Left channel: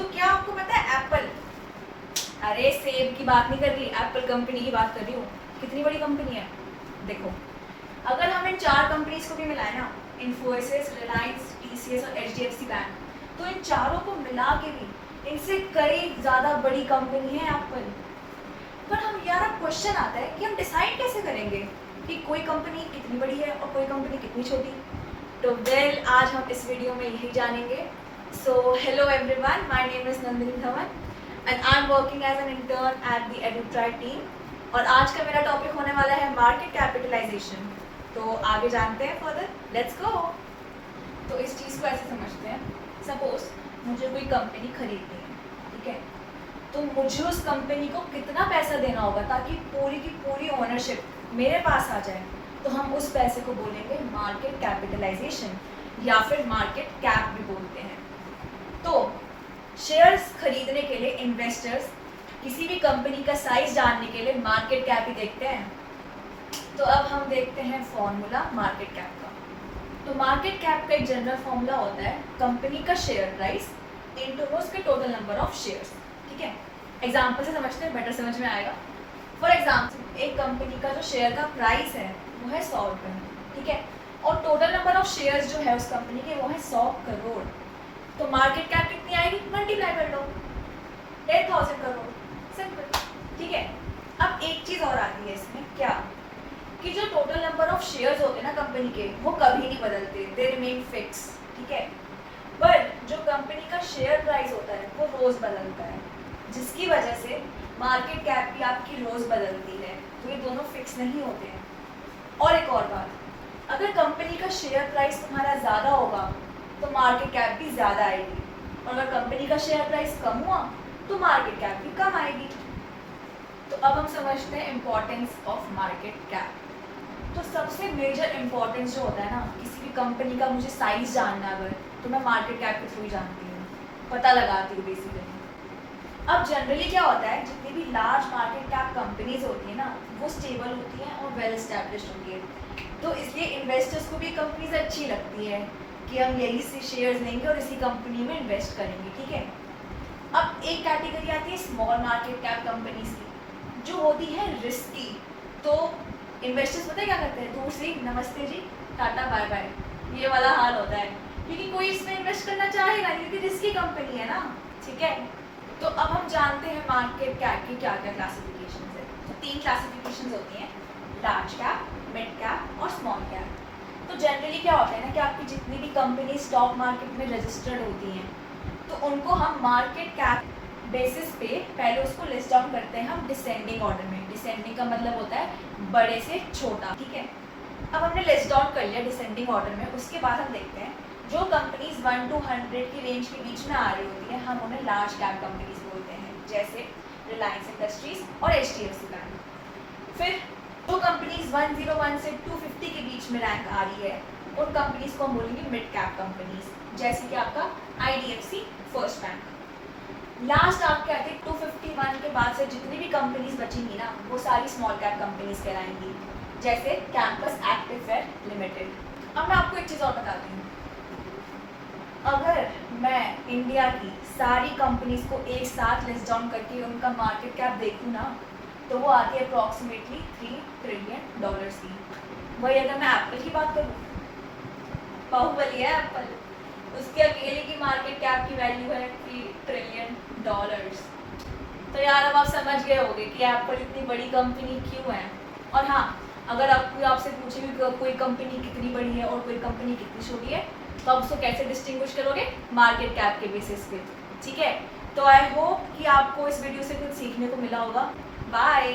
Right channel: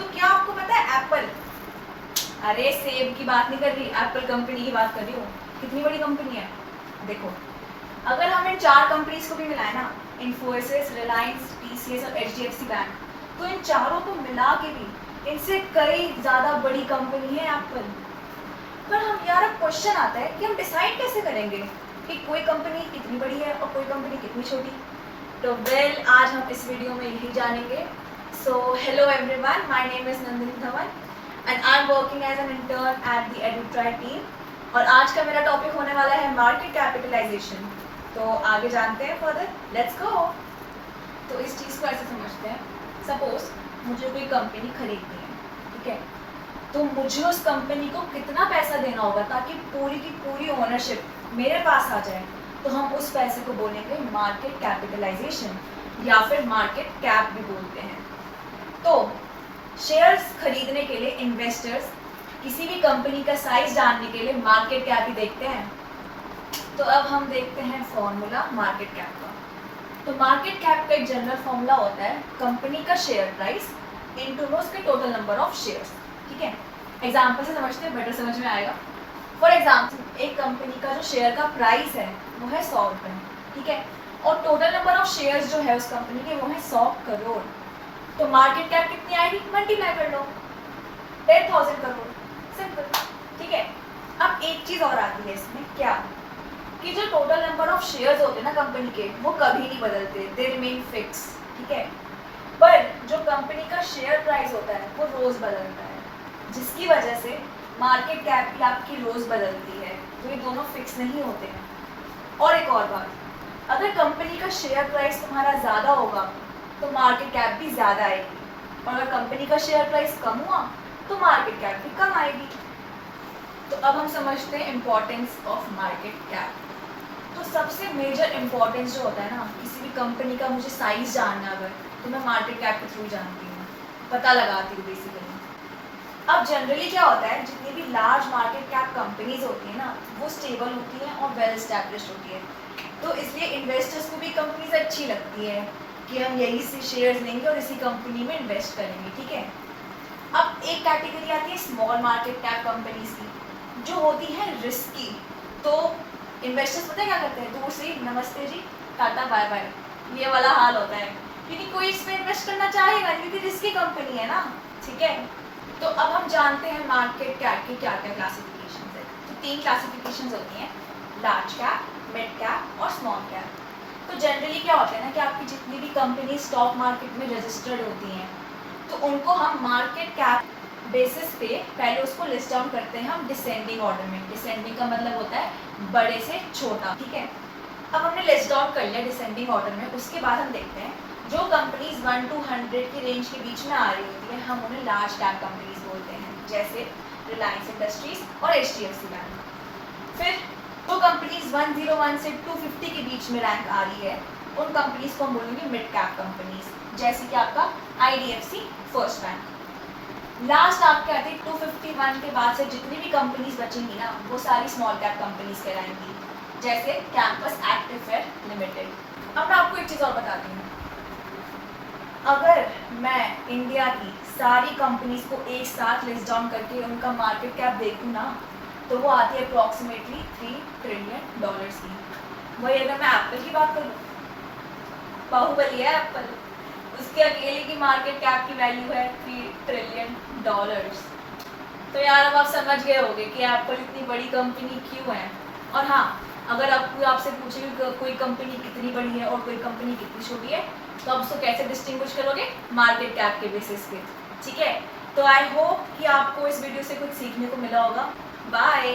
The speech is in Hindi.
तो क्या आपको पता है एप्पल, अरे सेब की बात नहीं कर रही, एप्पल कंपनी की बात कर रही हूँ, कितनी बड़ी कंपनी है। देखो अगर हम इन 4 कंपनीज को भी मिलाए ना, इन्फोसिस, रिलायंस, टीसीएस और एचडीएफसी बैंक, तो इन चारों को मिला के भी इनसे कई ज़्यादा बड़ी कंपनी है एप्पल। पर हम यार अब क्वेश्चन आता है कि हम डिसाइड कैसे करेंगे कि कोई कंपनी कितनी बड़ी है और कोई कंपनी कितनी छोटी। तो आज हम इस वीडियो में यही जानेंगे। So hello everyone, my name is Nandini Dhawan and I am working as an intern at the Edutry team. और आज का मेरा टॉपिक होने वाला है मार्केट कैपिटलाइजेशन। तो आगे जानते हैं फर्दर, लेट्स गो। तो इस चीज़ को ऐसे समझते हैं, सपोज मुझे कोई कंपनी खरीदनी है, ठीक है, तो मुझे उस कंपनी को कितना पैसा देना होगा ताकि पूरी की पूरी ओनरशिप मेरे पास आ जाए। तो हम उस पैसे को बोलेंगे मार्केट कैपिटलाइजेशन या फिर मार्केट कैप भी बोलते हैं। तो शेयर्स खरीदने के लिए इन्वेस्टर्स किसी भी कंपनी का साइज जानने के लिए मार्केट कैप ही देखते हैं। तो अब हम देखते हैं फॉर्मूला मार्केट कैप का। तो मार्केट कैप का एक जनरल फॉर्मूला होता है कंपनी का शेयर प्राइस इनटू उसके टोटल नंबर ऑफ शेयर्स। ठीक है, एग्जाम्पल से समझते हैं, बेटर समझ में आएगा। फॉर एग्जाम्पल एक कंपनी का जो शेयर का प्राइस है वो है 100 रुपये, ठीक है, और टोटल नंबर ऑफ शेयर्स जो है उस कंपनी के वो है 100 करोड़। तो मार्केट कैप कितनी आएगी, मल्टीप्लाई कर लो 10,000 करोड़, सिंपल। ठीक है, अब एक चीज़ और आती है इसमें, क्या कि जो टोटल नंबर ऑफ शेयर्स होते हैं ना कंपनी के, वो कभी नहीं बदलते, दे रिमेन फिक्स। ठीक है, पर जो कंपनी का शेयर प्राइस होता है वो रोज़ बदलता है, जिसकी वजह से मार्केट कैप भी आपकी रोज़ बदलती है। तो ये दोनों फिक्स नहीं होते हैं। और एक और बात, अगर कंपनी का शेयर प्राइस तुम्हारा ज़्यादा होगा तो मार्केट कैप भी ज़्यादा आएगी, और अगर कंपनी का शेयर प्राइस कम हुआ तो मार्केट कैप भी कम आएगी। तो अब हम समझते हैं इम्पोर्टेंस ऑफ मार्केट कैप। तो सबसे मेजर इम्पोर्टेंस जो होता है ना, किसी भी कंपनी का मुझे साइज जानना अगर, तो मैं मार्केट कैप के थ्रू जानती हूँ, पता लगाती हूँ बेसिकली। अब जनरली क्या होता है, जितनी भी लार्ज मार्केट कैप कंपनीज होती है ना, वो स्टेबल होती हैं और वेल एस्टैब्लिश्ड होती है। तो इसलिए इन्वेस्टर्स को भी कंपनीज अच्छी लगती है कि हम यही से शेयर्स लेंगे और इसी कंपनी में इन्वेस्ट करेंगे। ठीक है, अब एक कैटेगरी आती है स्मॉल मार्केट कैप कंपनीज की, जो होती है रिस्की। तो इन्वेस्टर्स पता है क्या करते हैं, दूर से नमस्ते जी, टाटा बाय बाय, ये वाला हाल होता है, क्योंकि कोई इसमें इन्वेस्ट करना चाहेगा, क्योंकि रिस्की कंपनी है ना। ठीक है, तो अब हम जानते हैं मार्केट कैप की क्या क्या क्लासिफिकेशन है। तो 3 क्लासिफिकेशन होती हैं, लार्ज कैप, मिड कैप और स्मॉल कैप। तो जनरली क्या होता है ना कि आपकी जितनी भी कंपनी स्टॉक मार्केट में रजिस्टर्ड होती हैं, तो उनको हम मार्केट कैप बेसिस पे पहले उसको लिस्ट डाउन करते हैं हम डिसेंडिंग ऑर्डर में। डिसेंडिंग का मतलब होता है बड़े से छोटा। ठीक है, अब हमने लिस्ट डाउन कर लिया डिसेंडिंग ऑर्डर में। उसके बाद हम देखते हैं जो कंपनीज 1 to 100 की रेंज के बीच में आ रही होती है, हम उन्हें लार्ज कैप कंपनीज बोलते हैं, जैसे रिलायंस इंडस्ट्रीज और एचडीएफसी बैंक। फिर जो कंपनीज 101 से 250 के बीच में रैंक आ रही है, उन कंपनीज को हम बोलेंगे मिड कैप कंपनीज, जैसे कि आपका आईडीएफसी फर्स्ट बैंक। लास्ट आपके आते 251 के बाद से जितनी भी कंपनीज बचेंगी ना, वो सारी स्मॉल कैप कंपनीज कहलाएंगी, जैसे कैंपस एक्टिववेयर लिमिटेड। अब मैं आपको एक चीज़ और बताती हूँ, अगर मैं इंडिया की सारी कंपनीज को एक साथ लिस्ट डाउन करके उनका मार्केट कैप देखूँ ना, तो वो आती है अप्रॉक्सीमेटली $3 ट्रिलियन की। वही अगर मैं एप्पल की बात करूँ, बाहुबली है एप्पल, उसके अकेले की मार्केट कैप की वैल्यू है $3 ट्रिलियन। तो यार अब आप समझ गए होंगे कि एप्पल इतनी बड़ी कंपनी क्यों है। और हाँ, अगर कोई आपसे पूछे कि कोई कंपनी कितनी बड़ी है और कोई कंपनी कितनी छोटी है, तो आप उसको कैसे डिस्टिंग्विश करोगे, मार्केट कैप के बेसिस पे। ठीक है, तो आई होप कि आपको इस वीडियो से कुछ सीखने को मिला होगा। बाय।